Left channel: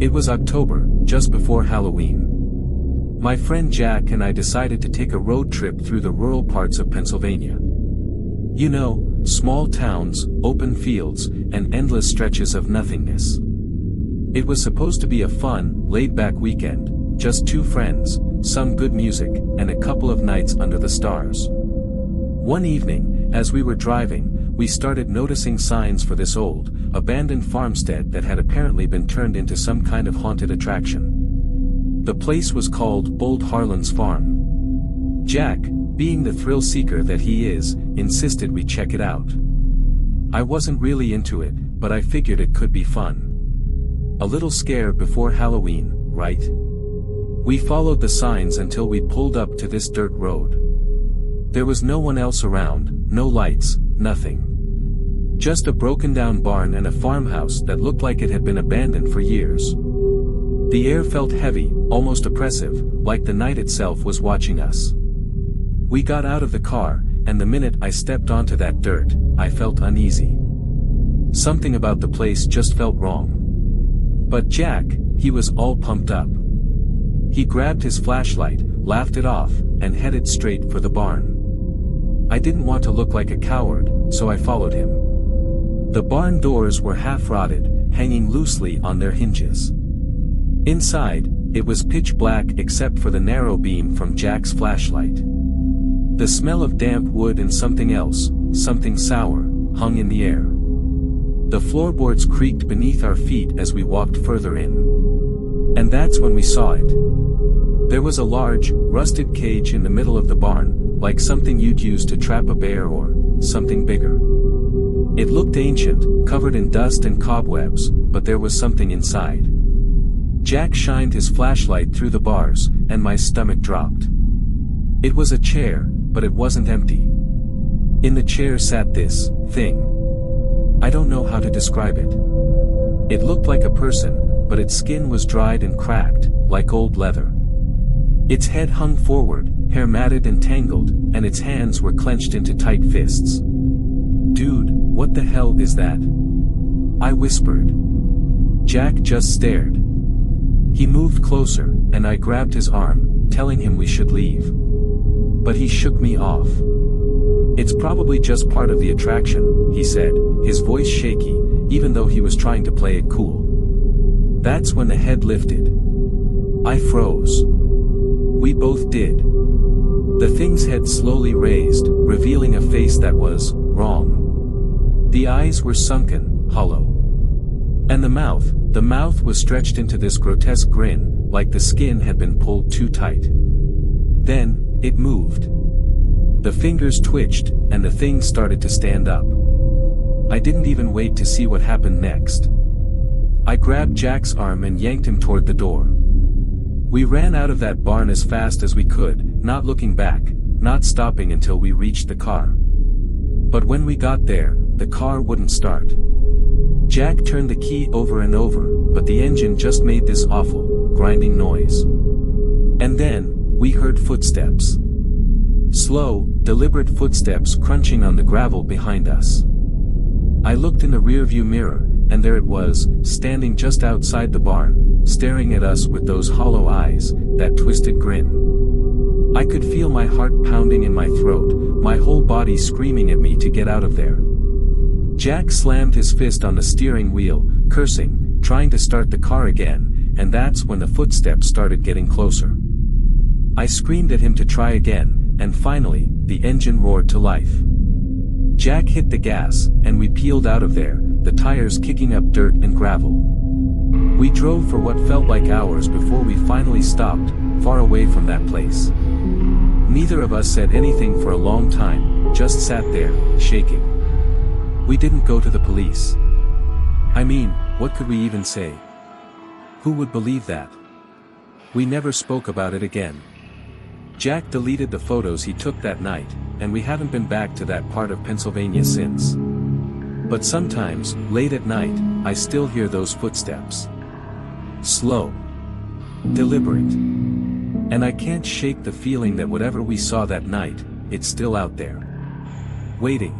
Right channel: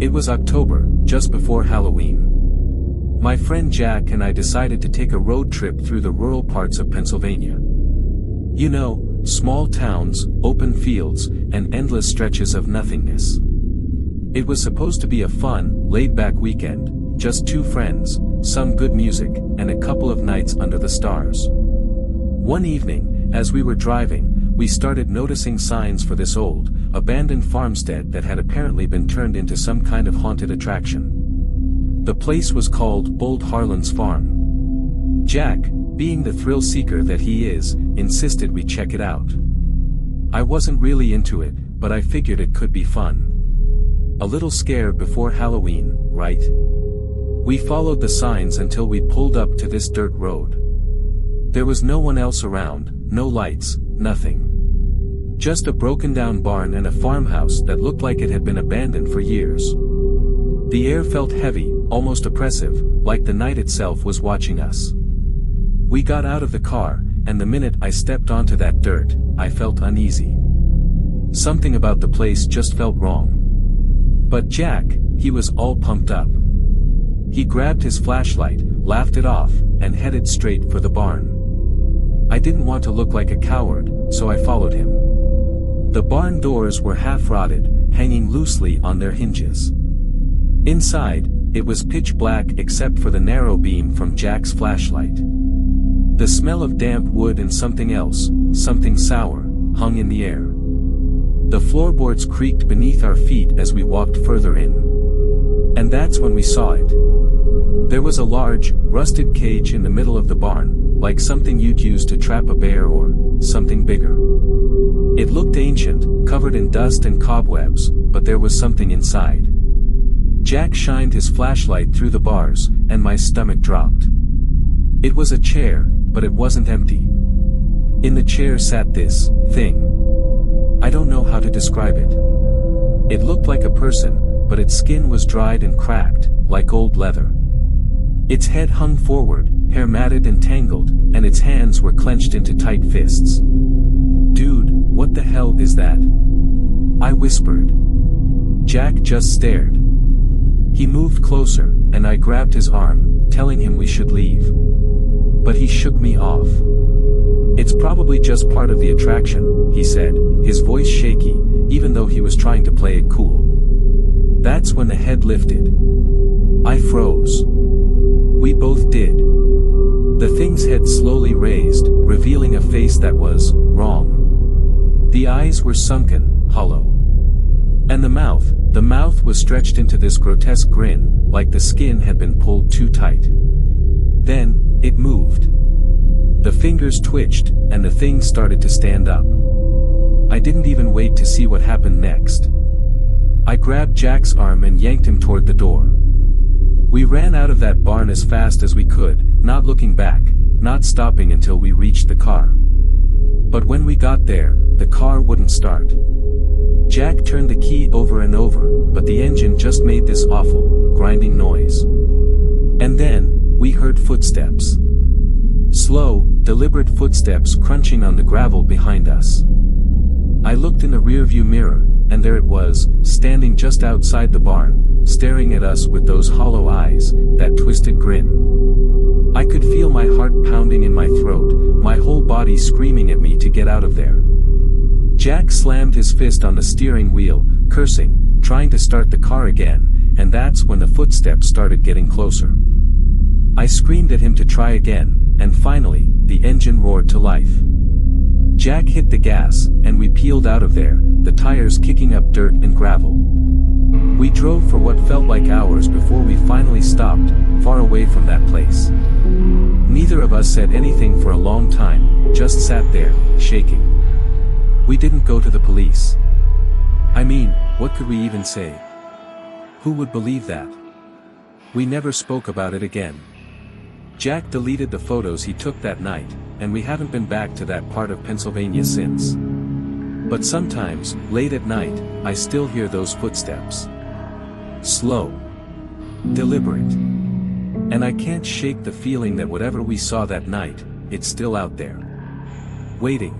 It was October, just before Halloween. My friend Jack and I decided to take a road trip through the rural parts of Pennsylvania. You know, small towns, open fields, and endless stretches of nothingness. It was supposed to be a fun, laid-back weekend, just two friends, some good music, and a couple of nights under the stars. One evening, as we were driving, we started noticing signs for this old, abandoned farmstead that had apparently been turned into some kind of haunted attraction. The place was called Old Harlan's Farm. Jack, being the thrill-seeker that he is, insisted we check it out. I wasn't really into it, but I figured it could be fun. A little scared before Halloween, right? We followed the signs until we pulled up to this dirt road. There was no one else around, no lights, nothing. Just a broken-down barn and a farmhouse that looked like it had been abandoned for years. The air felt heavy, almost oppressive, like the night itself was watching us. We got out of the car, and the minute I stepped onto that dirt, I felt uneasy. Something about the place just felt wrong. But Jack, he was all pumped up. He grabbed his flashlight, laughed it off, and headed straight for the barn. I didn't want to look like a coward, so I followed him. The barn doors were half-rotted, hanging loosely on their hinges. Inside, it was pitch black except for the narrow beam from Jack's flashlight. The smell of damp wood and something else, something sour, hung in the air. The floorboards creaked beneath our feet as we walked further in. And that's when we saw it. There was a large, rusted cage in the middle of the barn, like something you'd use to trap a bear or something bigger. It looked ancient, covered in dust and cobwebs, but there was something inside. Jack shined his flashlight through the bars, and my stomach dropped. It was a chair, but it wasn't empty. In the chair sat this thing. I don't know how to describe it. It looked like a person, but its skin was dried and cracked, like old leather. Its head hung forward, hair matted and tangled, and its hands were clenched into tight fists. "Dude, what the hell is that?" I whispered. Jack just stared. He moved closer, and I grabbed his arm, telling him we should leave. But he shook me off. "It's probably just part of the attraction," he said, his voice shaky, even though he was trying to play it cool. That's when the head lifted. I froze. We both did. The thing's head slowly raised, revealing a face that was wrong. The eyes were sunken, hollow. And the mouth was stretched into this grotesque grin, like the skin had been pulled too tight. Then, it moved. The fingers twitched, and the thing started to stand up. I didn't even wait to see what happened next. I grabbed Jack's arm and yanked him toward the door. We ran out of that barn as fast as we could, not looking back, not stopping until we reached the car. But when we got there, the car wouldn't start. Jack turned the key over and over, but the engine just made this awful, grinding noise. And then, we heard footsteps. Slow, deliberate footsteps crunching on the gravel behind us. I looked in the rearview mirror, and there it was, standing just outside the barn, staring at us with those hollow eyes, that twisted grin. I could feel my heart pounding in my throat, my whole body screaming at me to get out of there. Jack slammed his fist on the steering wheel, cursing, trying to start the car again, and that's when the footsteps started getting closer. I screamed at him to try again, and finally, the engine roared to life. Jack hit the gas, and we peeled out of there, the tires kicking up dirt and gravel. We drove for what felt like hours before we finally stopped, far away from that place. Neither of us said anything for a long time, just sat there, shaking. We didn't go to the police. I mean, what could we even say? Who would believe that? We never spoke about it again. Jack deleted the photos he took that night, and we haven't been back to that part of Pennsylvania since. But sometimes, late at night, I still hear those footsteps. Slow. Deliberate. And I can't shake the feeling that whatever we saw that night, it's still out there. Waiting.